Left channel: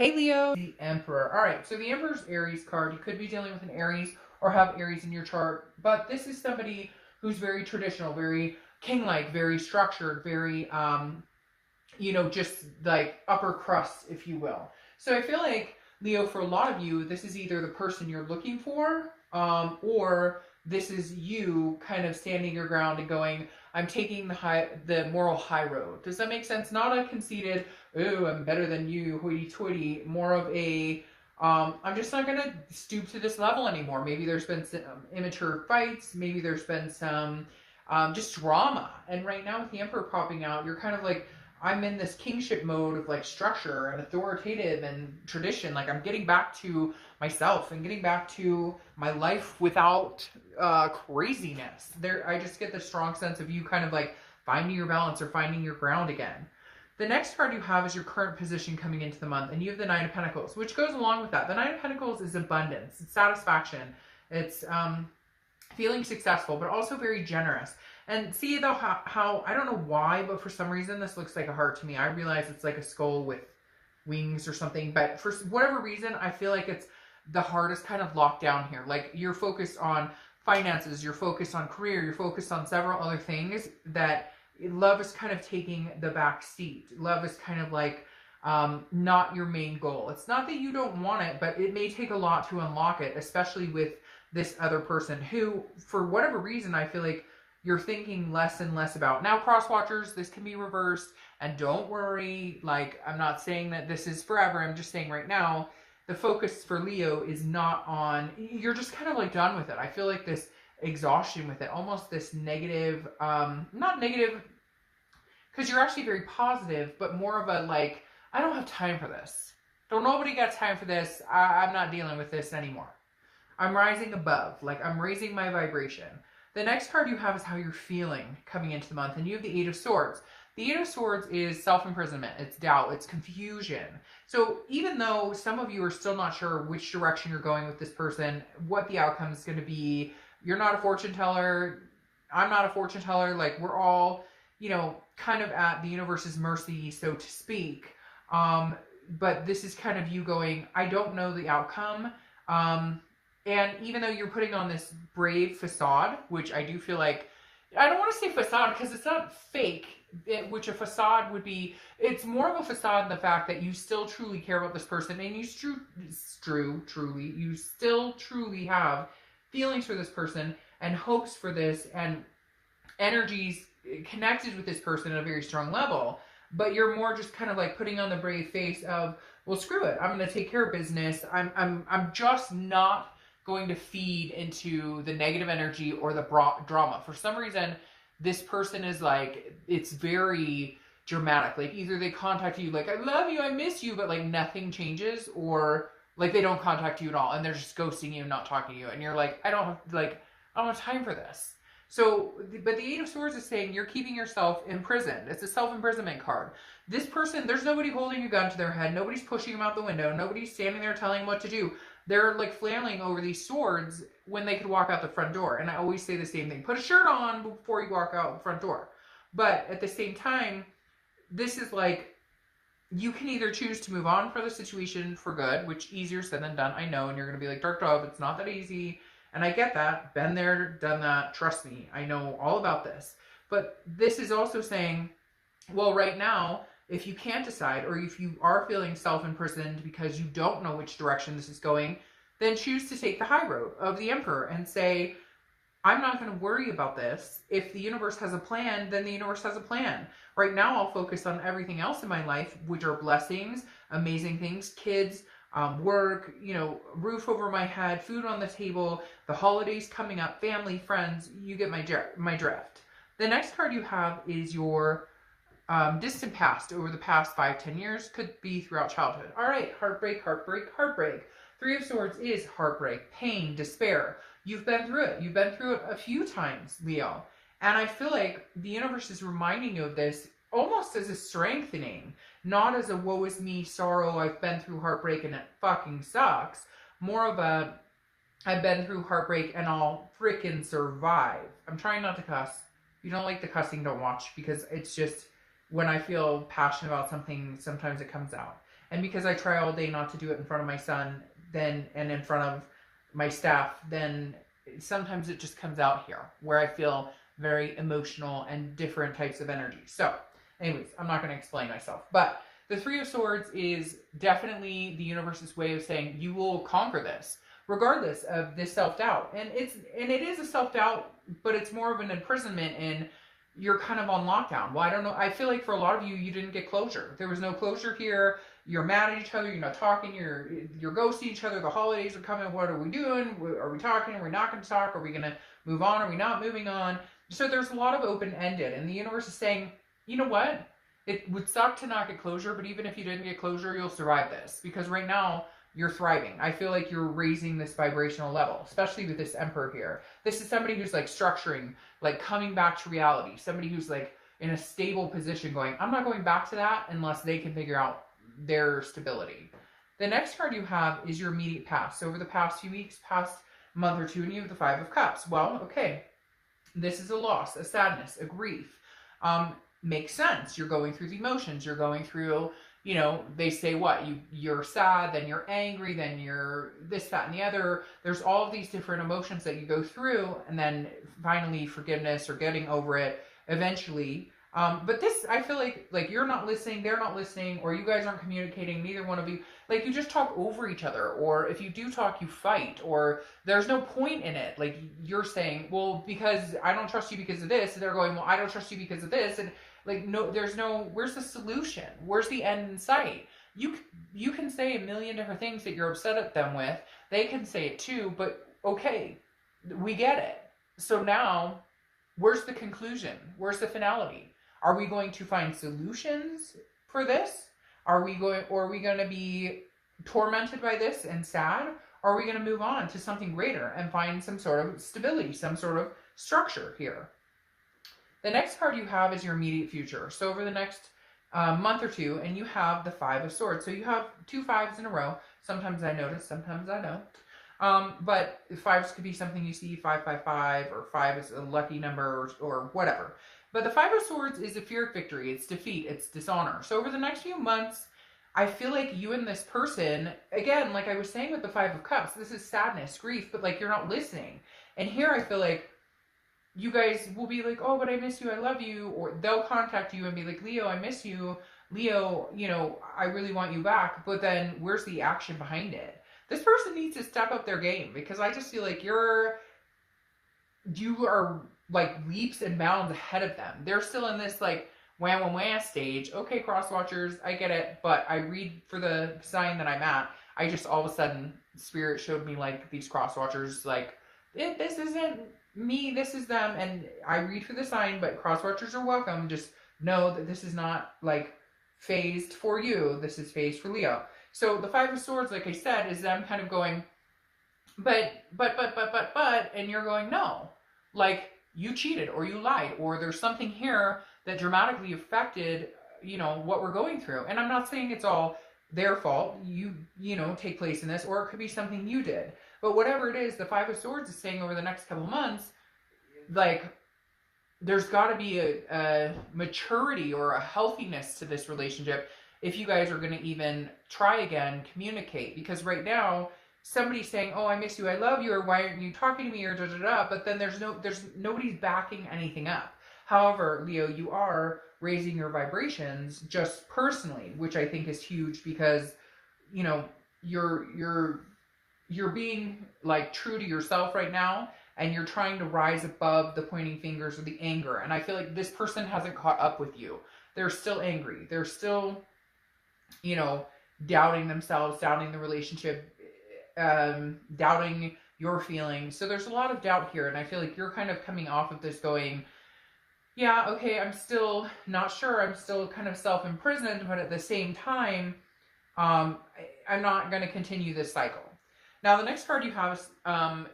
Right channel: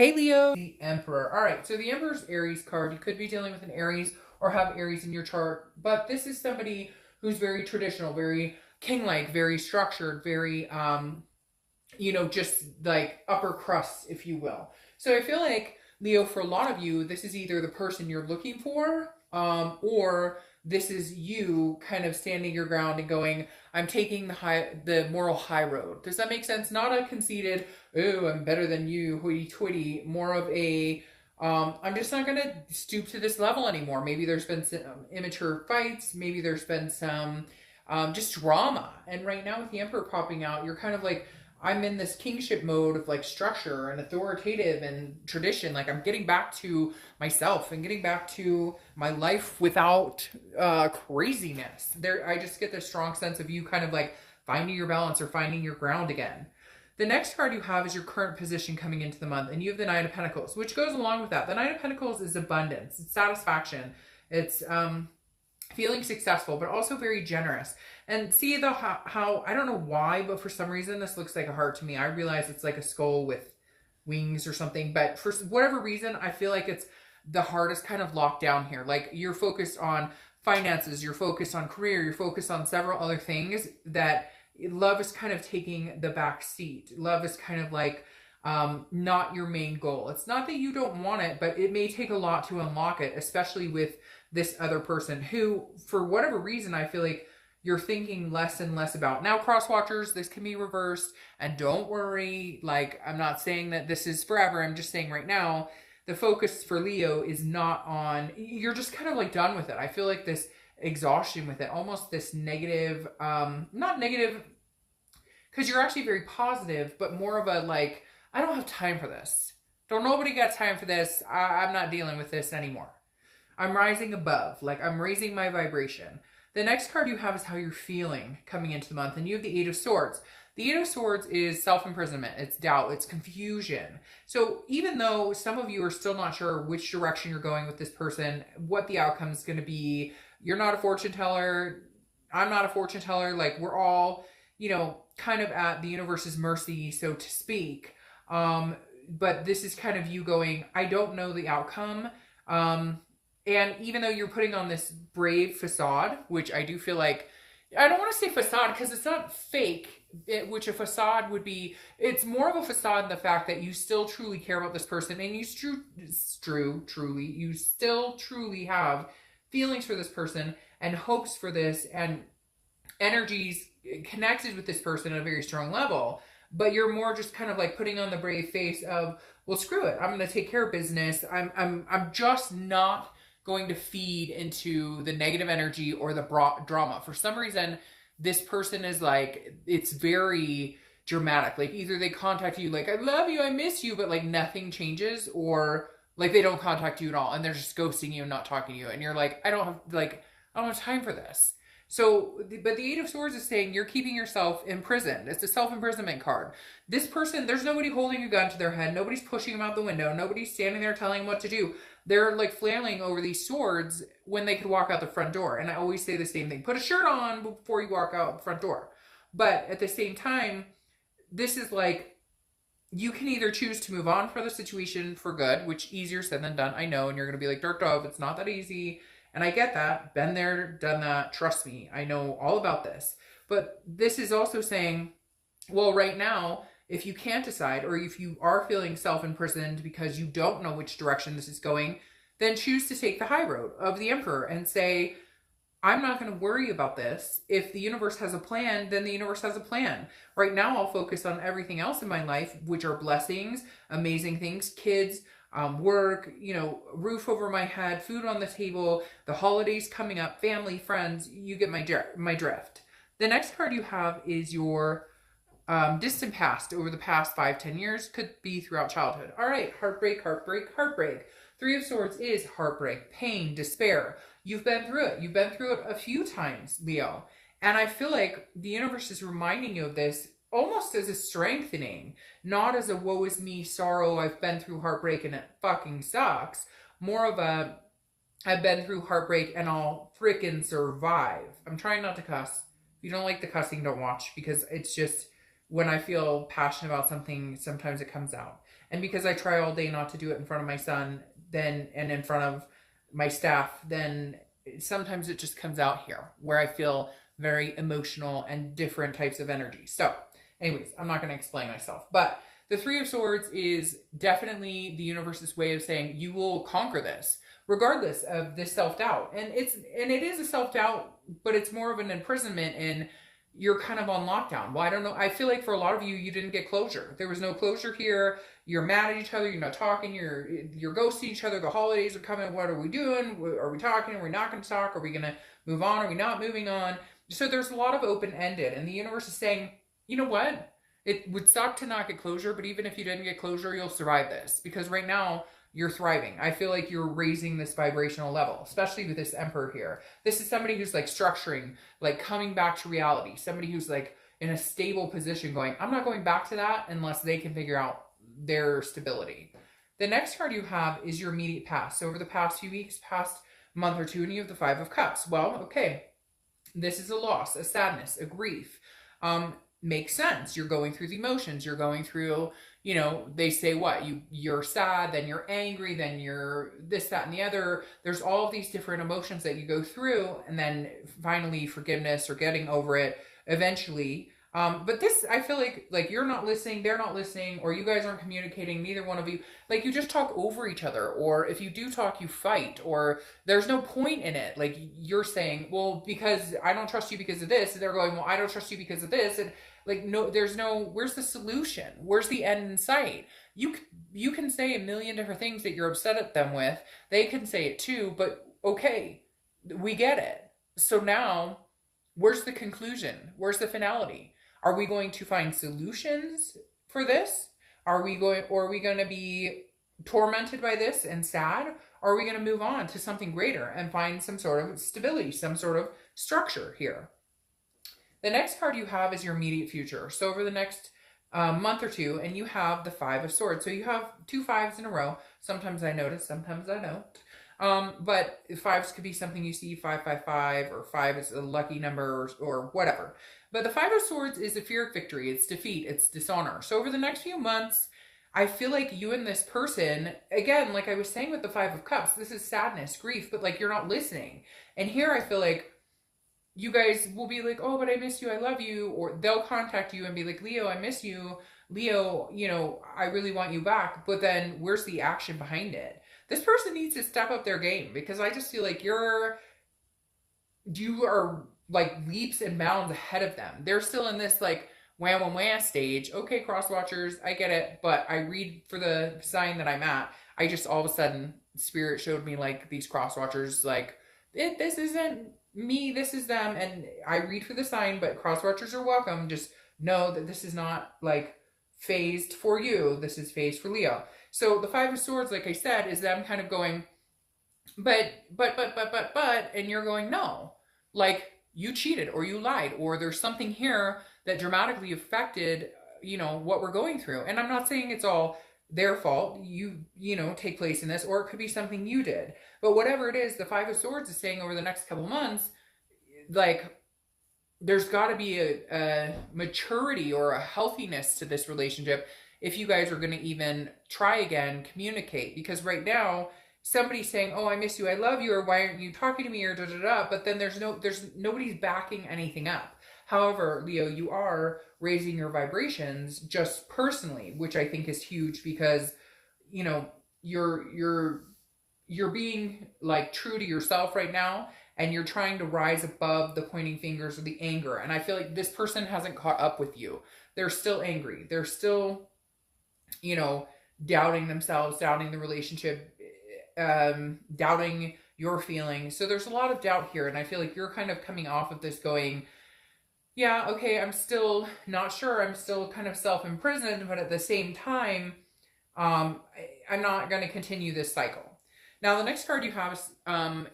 Hey Leo, the Emperor. All right, so the Emperor's Aries card. You could be dealing with an Aries or have Aries in your chart, but this is somebody who's very traditional, very king-like, very structured, very just like upper crust, if you will. So I feel like Leo, for a lot of you, this is either the person you're looking for, or this is you kind of standing your ground and going, I'm taking the moral high road. Does that make sense? Not a conceited, oh, I'm better than you, hoity-toity. More of a, I'm just not gonna stoop to this level anymore. Maybe there's been some immature fights. Maybe there's been some just drama. And right now with the Emperor popping out, you're kind of like, I'm in this kingship mode of like structure and authoritative and tradition. Like I'm getting back to myself and getting back to my life without craziness. There, I just get this strong sense of you kind of like finding your balance or finding your ground again. The next card you have is your current position coming into the month, and you have the Knight of Pentacles, which goes along with that. The Knight of Pentacles is abundance, it's satisfaction, it's feeling successful, but also very generous. And see though how I don't know why, but for some reason this looks like a heart to me. I realize it's like a skull with wings or something, but for whatever reason, I feel like it's the heart is kind of locked down here. Like you're focused on finances, you're focused on career, you're focused on several other things that love is kind of taking the back seat. Love is kind of like not your main goal. It's not that you don't want it, but it may take a lot to unlock it, especially with this other person who, for whatever reason, I feel like you're thinking less and less about. Now, cross watchers, this can be reversed, and don't worry. Like, I'm not saying that this is forever. I'm just saying right now, the focus for Leo is not on, you're just kind of like done with it. I feel like this exhaustion with it, almost this negative, not negative, because you're actually very positive, but more of a like, I don't have time for this. Don't nobody got time for this. I'm not dealing with this anymore. I'm rising above, like I'm raising my vibration. The next card you have is how you're feeling coming into the month, and you have the Eight of Swords. The Eight of Swords is self-imprisonment, it's doubt, it's confusion. So even though some of you are still not sure which direction you're going with this person, what the outcome is going to be, you're not a fortune teller, I'm not a fortune teller, like we're all, kind of at the universe's mercy, so to speak. But this is kind of you going, I don't know the outcome. And even though you're putting on this brave facade, which I do feel like, I don't want to say facade because it's not fake, which a facade would be, it's more of a facade in the fact that you still truly care about this person, and you still truly have feelings for this person and hopes for this and energies connected with this person at a very strong level. But you're more just kind of like putting on the brave face of, well, screw it, I'm going to take care of business. I'm just not going to feed into the negative energy or the drama. For some reason, this person is like, it's very dramatic. Like either they contact you like, I love you, I miss you, but like nothing changes, or like they don't contact you at all and they're just ghosting you and not talking to you. And you're like, I don't have time for this. So, but the Eight of Swords is saying you're keeping yourself imprisoned. It's a self-imprisonment card. This person, there's nobody holding a gun to their head. Nobody's pushing them out the window. Nobody's standing there telling them what to do. They're like flailing over these swords when they could walk out the front door. And I always say the same thing. Put a shirt on before you walk out the front door. But at the same time, this is like, you can either choose to move on for the situation for good, which easier said than done, I know. And you're going to be like, Dark Dove, it's not that easy. And I get that. Been there, done that. Trust me. I know all about this. But this is also saying, well, right now, if you can't decide, or if you are feeling self-imprisoned because you don't know which direction this is going, then choose to take the high road of the Emperor and say, I'm not going to worry about this. If the universe has a plan, then the universe has a plan. Right now, I'll focus on everything else in my life, which are blessings, amazing things, kids, work, roof over my head, food on the table, the holidays coming up, family, friends. You get my drift. The next card you have is your distant past, over the past 5-10 years, could be throughout childhood. All right, heartbreak, heartbreak, heartbreak. Three of Swords is heartbreak, pain, despair. You've been through it. You've been through it a few times, Leo. And I feel like the universe is reminding you of this almost as a strengthening, not as a woe is me, sorrow, I've been through heartbreak and it fucking sucks. More of a, I've been through heartbreak and I'll freaking survive. I'm trying not to cuss. If you don't like the cussing, don't watch, because it's just, when I feel passionate about something, sometimes it comes out. And because I try all day not to do it in front of my son, then, and in front of my staff, then sometimes it just comes out here where I feel very emotional and different types of energy. So anyways, I'm not going to explain myself, but the Three of Swords is definitely the universe's way of saying you will conquer this regardless of this self-doubt. And it is a self-doubt, but it's more of an imprisonment in you're kind of on lockdown. Well, I don't know. I feel like for a lot of you, you didn't get closure. There was no closure here. You're mad at each other. You're not talking. You're ghosting each other. The holidays are coming. What are we doing? Are we talking? Are we not going to talk? Are we going to move on? Are we not moving on? So there's a lot of open-ended, and the universe is saying, you know what? It would suck to not get closure, but even if you didn't get closure, you'll survive this. Because right now, you're thriving. I feel like you're raising this vibrational level, especially with this Emperor here. This is somebody who's like structuring, like coming back to reality. Somebody who's like in a stable position going, I'm not going back to that unless they can figure out their stability. The next card you have is your immediate past. So over the past few weeks, past month or two, and you have the Five of Cups. Well, okay, this is a loss, a sadness, a grief. Makes sense. You're going through the emotions. You're going through, you know, they say what? You're sad, then you're angry, then you're this, that, and the other. There's all of these different emotions that you go through, and then finally forgiveness or getting over it eventually. But this, I feel like you're not listening, they're not listening, or you guys aren't communicating, neither one of you. Like, you just talk over each other, or if you do talk, you fight, or there's no point in it. Like, you're saying, well, because I don't trust you because of this, and they're going, well, I don't trust you because of this, and like, no, there's no, where's the solution? Where's the end in sight? You can say a million different things that you're upset at them with. They can say it too, but okay, we get it. So now, where's the conclusion? Where's the finality? Are we going to find solutions for this? Or are we going to be tormented by this and sad? Or are we going to move on to something greater and find some sort of stability, some sort of structure here? The next card you have is your immediate future. So over the next month or two, and you have the Five of Swords. So you have 2 5s in a row. Sometimes I notice, sometimes I don't. But 5s could be something you see, 555, or 5 is a lucky number, or whatever. But the Five of Swords is a fear of victory. It's defeat. It's dishonor. So over the next few months, I feel like you and this person, again, like I was saying with the Five of Cups, this is sadness, grief, but like you're not listening. And here I feel like you guys will be like, oh, but I miss you, I love you. Or they'll contact you and be like, Leo, I miss you. Leo, you know, I really want you back. But then where's the action behind it? This person needs to step up their game, because I just feel like you are like leaps and bounds ahead of them. They're still in this like wham stage. Okay, cross watchers, I get it. But I read for the sign that I'm at. I just all of a sudden, Spirit showed me like these cross watchers, like, this isn't me, this is them. And I read for the sign, but cross watchers are welcome. Just know that this is not like phased for you. This is phased for Leo. So the Five of Swords, like I said, is them kind of going, but, and you're going, no, like you cheated or you lied, or there's something here that dramatically affected, you know, what we're going through. And I'm not saying it's all their fault, you know, take place in this, or it could be something you did. But whatever it is, the Five of Swords is saying over the next couple months, like, there's got to be a maturity or a healthiness to this relationship if you guys are going to even try again, communicate. Because right now, somebody's saying, oh, I miss you, I love you, or why aren't you talking to me, or da-da-da, but then there's nobody's backing anything up. However, Leo, you are raising your vibrations just personally, which I think is huge, because, you know, you're being like true to yourself right now, and you're trying to rise above the pointing fingers or the anger. And I feel like this person hasn't caught up with you. They're still angry. They're still, you know, doubting themselves, doubting the relationship, doubting your feelings. So there's a lot of doubt here. And I feel like you're kind of coming off of this going, yeah, okay, I'm still not sure. I'm still kind of self-imprisoned, but at the same time, I'm not going to continue this cycle. Now, the next card you have is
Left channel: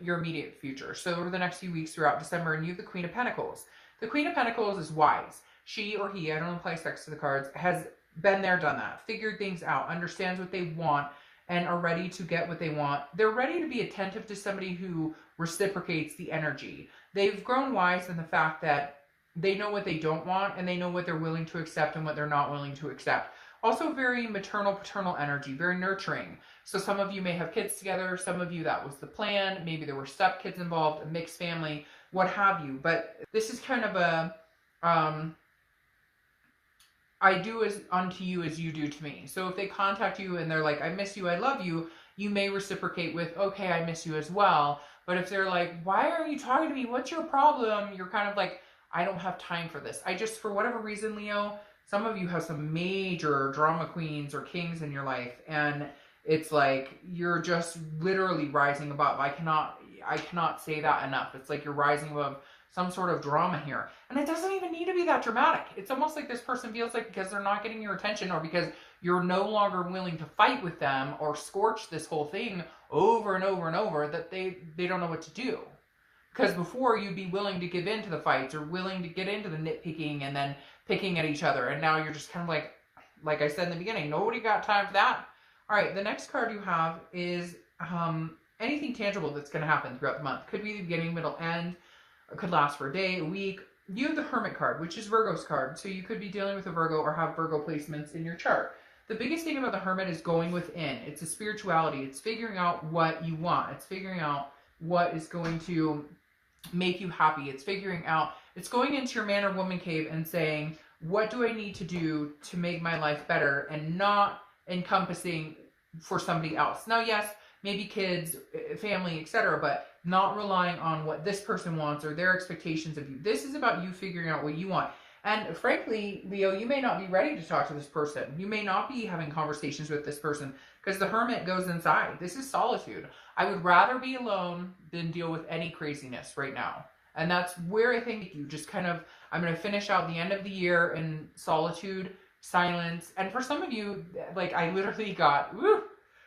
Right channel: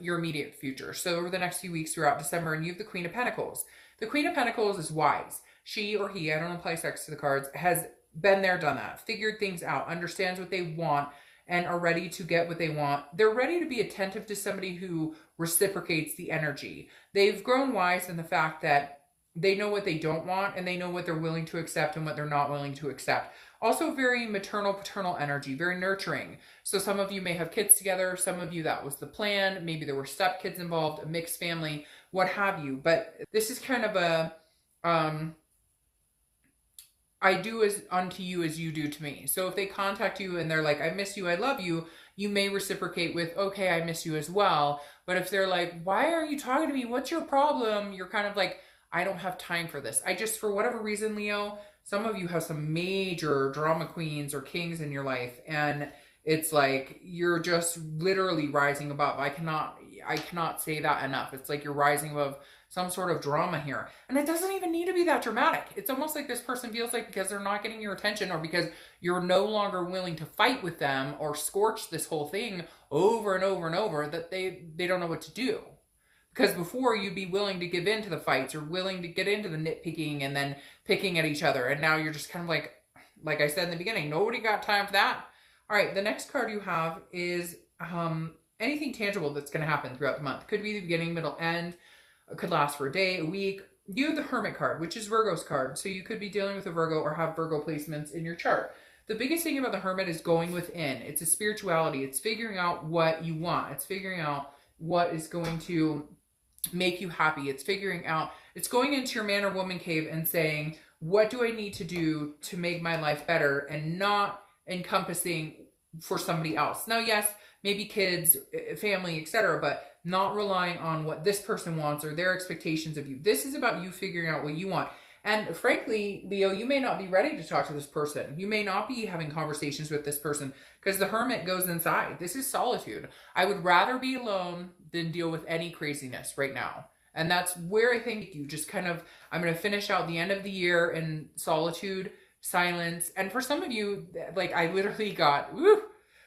your immediate future. So over the next few weeks throughout December, and you have the Queen of Pentacles. The Queen of Pentacles is wise. She or he, I don't apply sex to the cards, has been there, done that, figured things out, understands what they want, and are ready to get what they want. They're ready to be attentive to somebody who reciprocates the energy. They've grown wise in the fact that they know what they don't want, and they know what they're willing to accept and what they're not willing to accept. Also very maternal, paternal energy, very nurturing. So some of you may have kids together. Some of you, that was the plan. Maybe there were stepkids involved, a mixed family, what have you. But this is kind of a, I do as unto you as you do to me. So if they contact you and they're like, I miss you, I love you, you may reciprocate with, okay, I miss you as well. But if they're like, why aren't you talking to me? What's your problem? You're kind of like, I don't have time for this. I just, for whatever reason, Leo, some of you have some major drama queens or kings in your life. And it's like, you're just literally rising above. I cannot say that enough. It's like you're rising above some sort of drama here. And it doesn't even need to be that dramatic. It's almost like this person feels like because they're not getting your attention or because you're no longer willing to fight with them or scorch this whole thing over and over and over, that they don't know what to do. Because before, you'd be willing to give in to the fights or willing to get into the nitpicking and then picking at each other. And now you're just kind of like I said in the beginning, nobody got time for that. All right, the next card you have is anything tangible that's going to happen throughout the month. Could be the beginning, middle, end. It could last for a day, a week. You have the Hermit card, which is Virgo's card. So you could be dealing with a Virgo or have Virgo placements in your chart. The biggest thing about the Hermit is going within. It's a spirituality. It's figuring out what you want. It's figuring out what is going to make you happy. It's figuring out, it's going into your man or woman cave and saying, what do I need to do to make my life better, and not encompassing for somebody else. Now, yes, maybe kids, family, etc., but not relying on what this person wants or their expectations of you. This is about you figuring out what you want. And frankly, Leo, you may not be ready to talk to this person. You may not be having conversations with this person because the Hermit goes inside. This is solitude. I would rather be alone than deal with any craziness right now. And that's where I think you just kind of, I'm going to finish out the end of the year in solitude, silence. And for some of you, like I literally got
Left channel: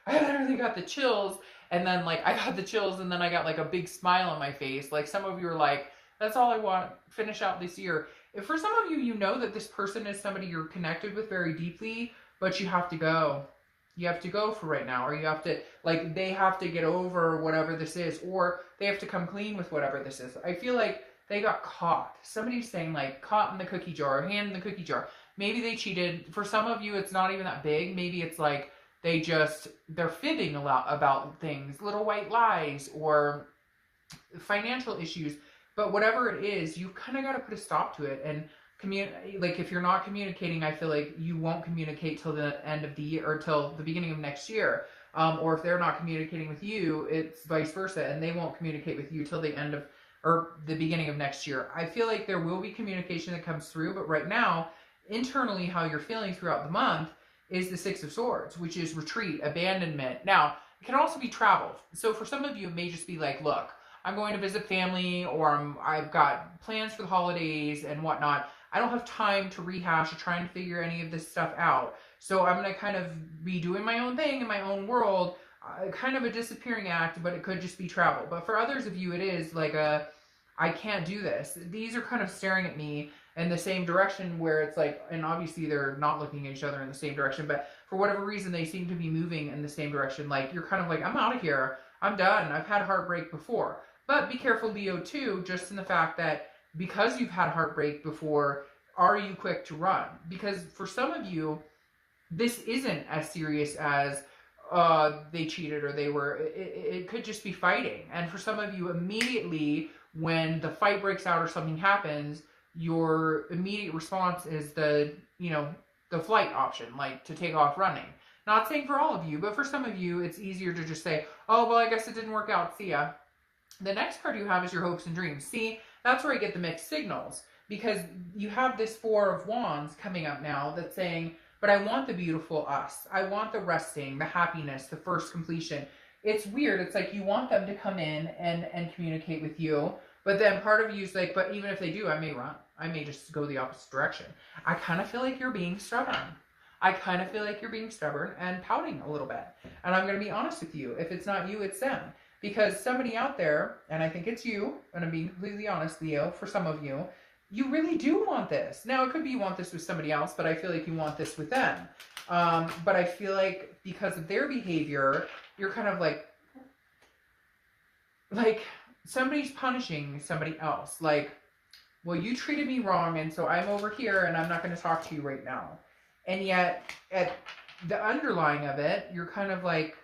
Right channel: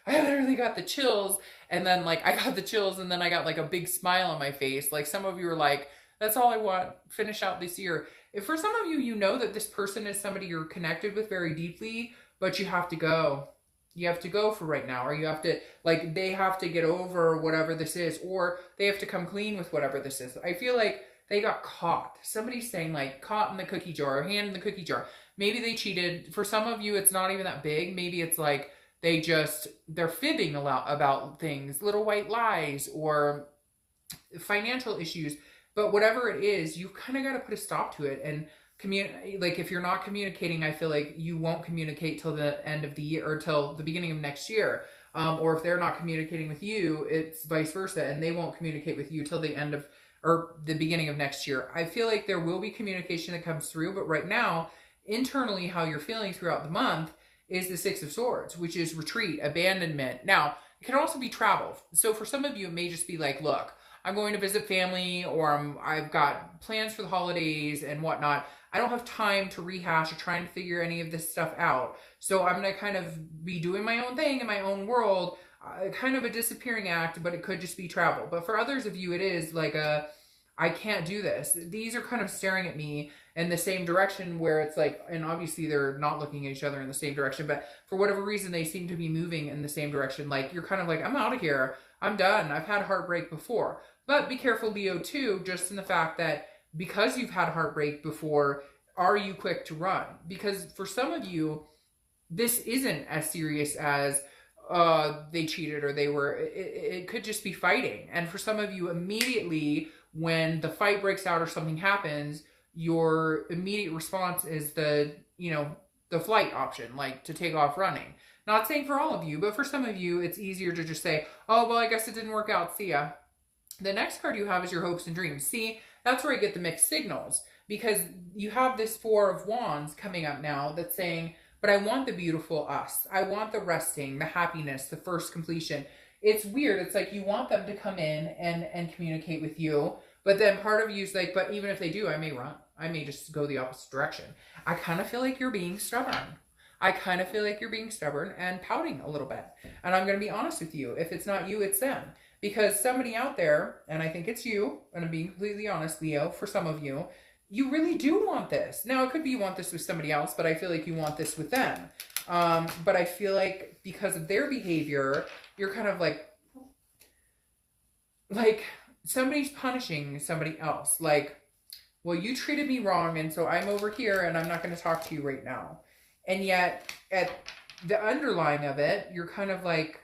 the chills. And then like I got the chills and then I got like a big smile on my face. Like some of you are like, that's all I want, finish out this year. If for some of you, you know that this person is somebody you're connected with very deeply, but you have to go. You have to go for right now, or you have to, like, they have to get over whatever this is, or they have to come clean with whatever this is. I feel like they got caught. Somebody's saying, like, caught in the cookie jar, hand in the cookie jar. Maybe they cheated. For some of you, it's not even that big. Maybe it's like they're fibbing a lot about things, little white lies, or financial issues. But whatever it is, you kind of got to put a stop to it. And like if you're not communicating, I feel like you won't communicate till the end of the year or till the beginning of next year. Or if they're not communicating with you, it's vice versa, and they won't communicate with you till the end of or the beginning of next year. I feel like there will be communication that comes through, but right now, internally, how you're feeling throughout the month is the Six of Swords, which is retreat, abandonment. Now, it can also be travel. So for some of you, it may just be like, look, I'm going to visit family, or I've got plans for the holidays and whatnot. I don't have time to rehash or trying to figure any of this stuff out. So I'm going to kind of be doing my own thing in my own world, kind of a disappearing act, but it could just be travel. But for others of you, it is like I can't do this. These are kind of staring at me in the same direction where it's like, and obviously they're not looking at each other in the same direction, but for whatever reason, they seem to be moving in the same direction. Like you're kind of like, I'm out of here. I'm done. I've had heartbreak before. But be careful, Leo, too, just in the fact that because you've had heartbreak before, are you quick to run? Because for some of you, this isn't as serious as they cheated or they were, it could just be fighting. And for some of you, immediately when the fight breaks out or something happens, your immediate response is the flight option, like to take off running. Not saying for all of you, but for some of you, it's easier to just say, oh, well, I guess it didn't work out. See ya. The next card you have is your hopes and dreams. See, that's where I get the mixed signals, because you have this Four of Wands coming up now that's saying, but I want the beautiful us. I want the resting, the happiness, the first completion. It's weird. It's like you want them to come in and communicate with you, but then part of you is like, but even if they do, I may run. I may just go the opposite direction. I kind of feel like you're being stubborn. I kind of feel like you're being stubborn and pouting a little bit. And I'm going to be honest with you. If it's not you, it's them. Because somebody out there, and I think it's you, and I'm being completely honest, Leo, for some of you, you really do want this. Now, it could be you want this with somebody else, but I feel like you want this with them. But I feel like because of their behavior, you're kind of like somebody's punishing somebody else. Like, well, you treated me wrong, and so I'm over here, and I'm not going to talk to you right now. And yet, at the underlying of it, you're kind of like,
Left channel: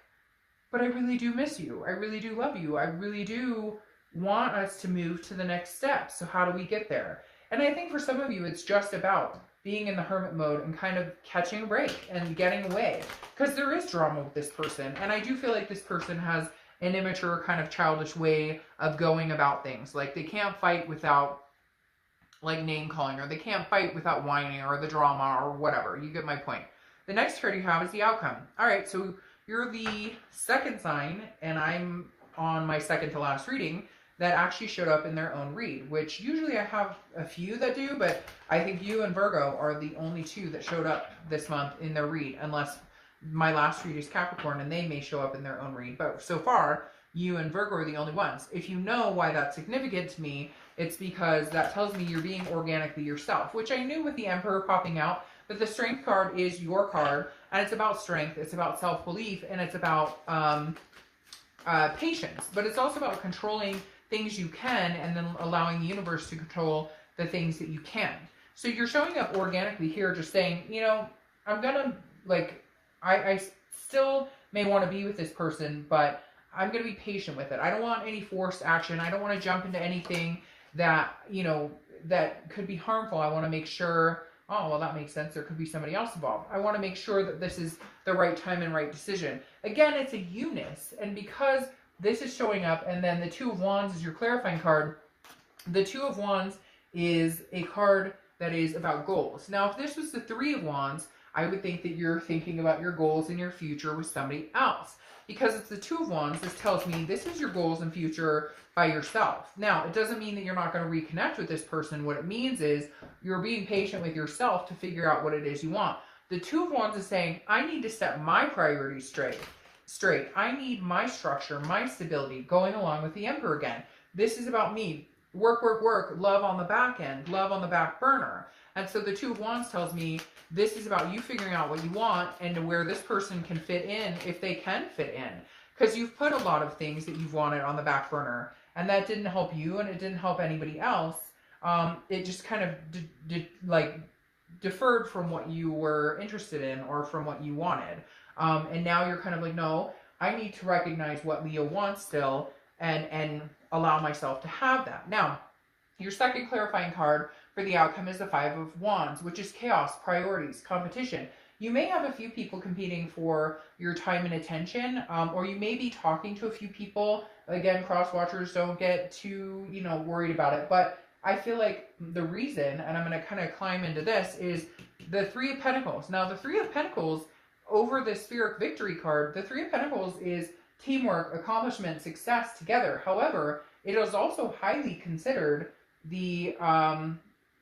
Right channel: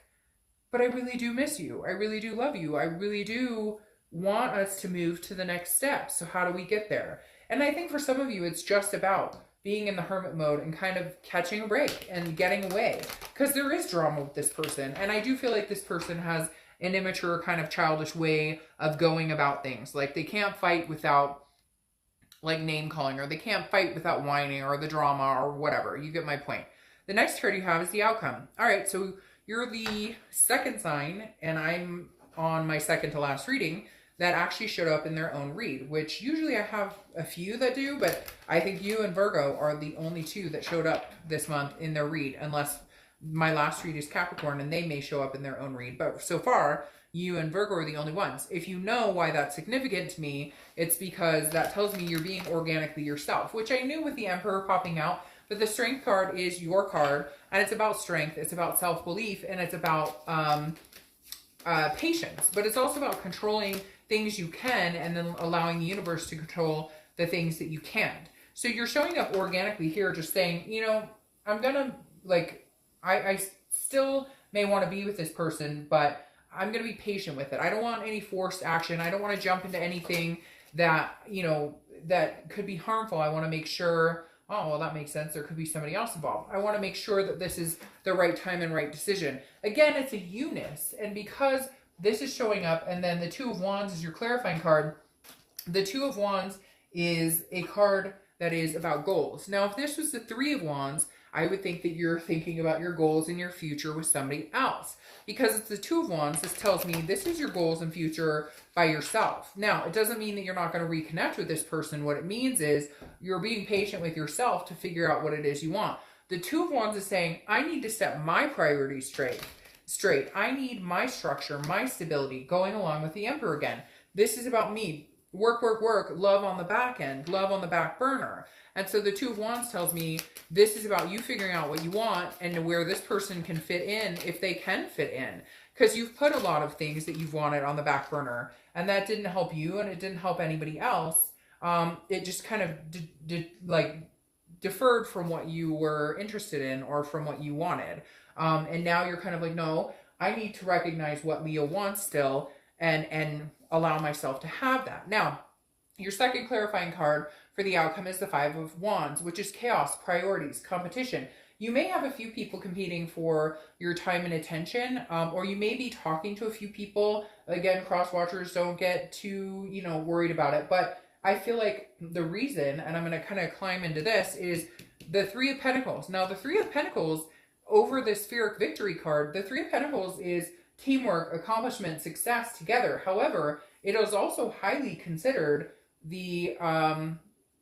but I really do miss you. I really do love you. I really do want us to move to the next step. So how do we get there? And I think for some of you, it's just about being in the hermit mode and kind of catching a break and getting away. Because there is drama with this person. And I do feel like this person has an immature, kind of childish way of going about things. Like, they can't fight without, like, name calling, or they can't fight without whining, or the drama, or whatever. You get my point. The next card you have is the outcome. All right, so you're the second sign, and I'm on my second to last reading, that actually showed up in their own read, which usually I have a few that do, but I think you and Virgo are the only two that showed up this month in their read, unless my last read is Capricorn and they may show up in their own read. But so far, you and Virgo are the only ones. If you know why that's significant to me, it's because that tells me you're being organically yourself, which I knew with the Emperor popping out. But the Strength card is your card, and it's about strength, it's about self-belief, and it's about patience. But it's also about controlling things you can, and then allowing the universe to control the things that you can't. So you're showing up organically here, just saying, you know, I'm gonna, like, I still may want to be with this person, but I'm gonna be patient with it. I don't want any forced action. I don't want to jump into anything that, you know, that could be harmful. I want to make sure, oh, well, that makes sense, there could be somebody else involved. I want to make sure that this is the right time and right decision. Again, it's a Eunice, and because this is showing up, and then the Two of Wands is your clarifying card. The Two of Wands is a card that is about goals. Now, if this was the Three of Wands, I would think that you're thinking about your goals in your future with somebody else. Because it's the Two of Wands, this tells me this is your goals and future by yourself. Now, it doesn't mean that you're not going to reconnect with this person. What it means is you're being patient with yourself to figure out what it is you want. The Two of Wands is saying, I need to set my priorities straight. I need my structure, my stability, going along with the Emperor again. This is about me. Work, work, work, love on the back end, love on the back burner. And so the Two of Wands tells me this is about you figuring out what you want and where this person can fit in, if they can fit in. Because you've put a lot of things that you've wanted on the back burner, and that didn't help you, and it didn't help anybody else. It just kind of deferred from what you were interested in or from what you wanted. And now you're kind of like, no, I need to recognize what Leo wants still and allow myself to have that. Now, your second clarifying card for the outcome is the Five of Wands, which is chaos, priorities, competition. You may have a few people competing for your time and attention, or you may be talking to a few people. Again, cross watchers, don't get too, worried about it. But I feel like the reason, and I'm going to kind of climb into this, is the Three of Pentacles. Now, the Three of Pentacles, over the Spheric Victory card, the Three of Pentacles is teamwork, accomplishment, success together. However, it is also highly considered the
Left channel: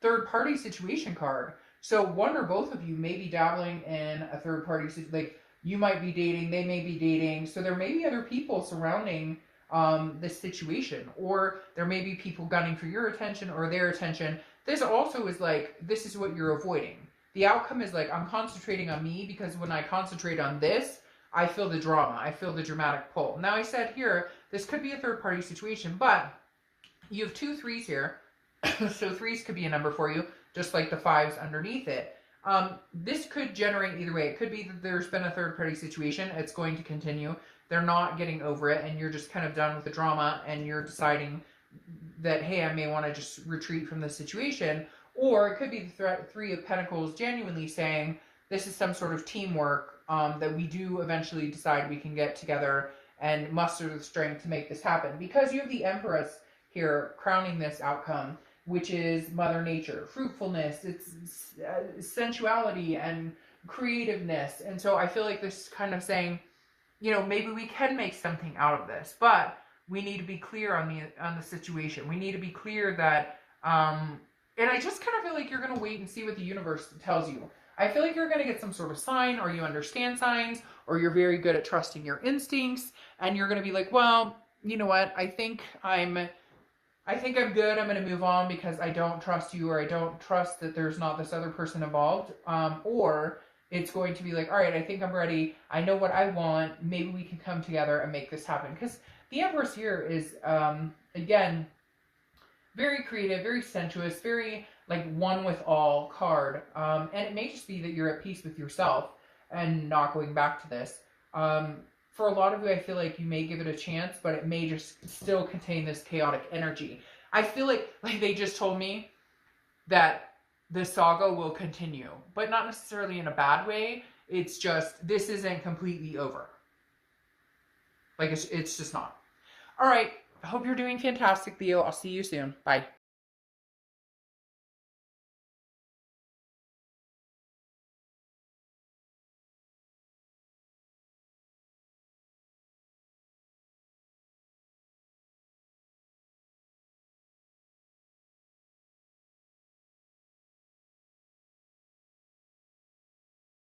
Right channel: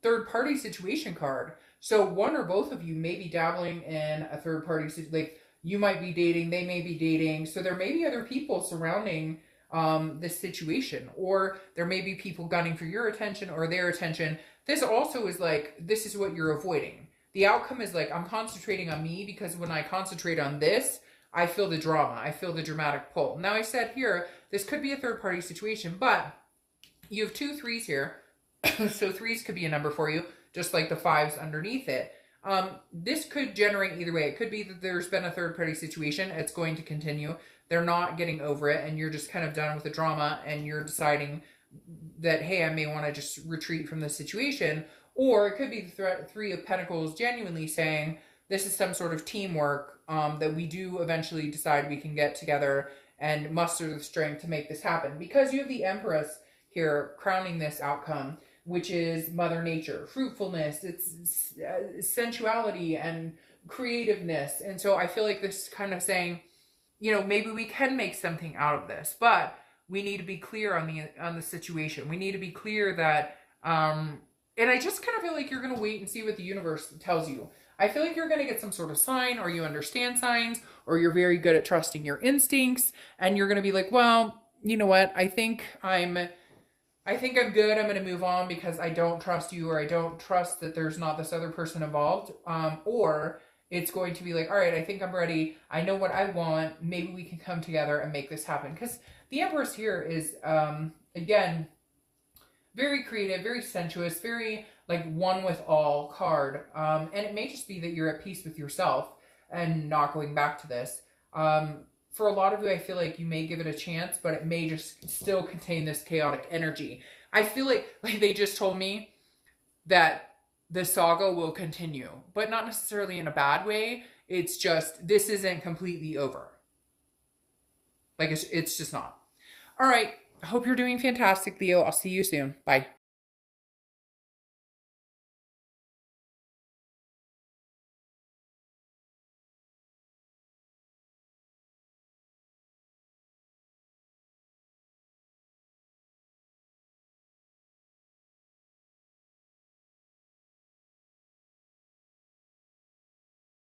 third-party situation card. So one or both of you may be dabbling in a third-party situation. Like, you might be dating, they may be dating. So there may be other people surrounding this situation. Or there may be people gunning for your attention or their attention. This also is like, this is what you're avoiding. The outcome is like, I'm concentrating on me, because when I concentrate on this, I feel the drama. I feel the dramatic pull. Now, I said here, this could be a third-party situation, but you have 2 3s here. So 3s could be a number for you, just like the 5s underneath it. This could generate either way. It could be that there's been a third-party situation. It's going to continue. They're not getting over it, and you're just kind of done with the drama, and you're deciding that, hey, I may want to just retreat from the situation. Or it could be the Three of Pentacles genuinely saying, this is some sort of teamwork that we do eventually decide we can get together and muster the strength to make this happen. Because you have the Empress here crowning this outcome, which is Mother Nature, fruitfulness, it's sensuality and creativeness. And so I feel like this is kind of saying, maybe we can make something out of this, but we need to be clear on the situation. We need to be clear that, and I just kind of feel like you're going to wait and see what the universe tells you. I feel like you're going to get some sort of sign, or you understand signs, or you're very good at trusting your instincts, and you're going to be like, well, you know what? I think I'm good. I'm going to move on because I don't trust you, or I don't trust that there's not this other person involved. Or it's going to be like, all right, I think I'm ready. I know what I want. Maybe we can come together and make this happen. Because the Empress here is, again, very creative, very sensuous, very like one with all card. And it may just be that you're at peace with yourself and not going back to this. For a lot of you, I feel like you may give it a chance, but it may just still contain this chaotic energy. I feel like they just told me that the saga will continue, but not necessarily in a bad way. It's just, this isn't completely over. Like, it's just not. All right. I hope you're doing fantastic, Leo. I'll see you soon. Bye.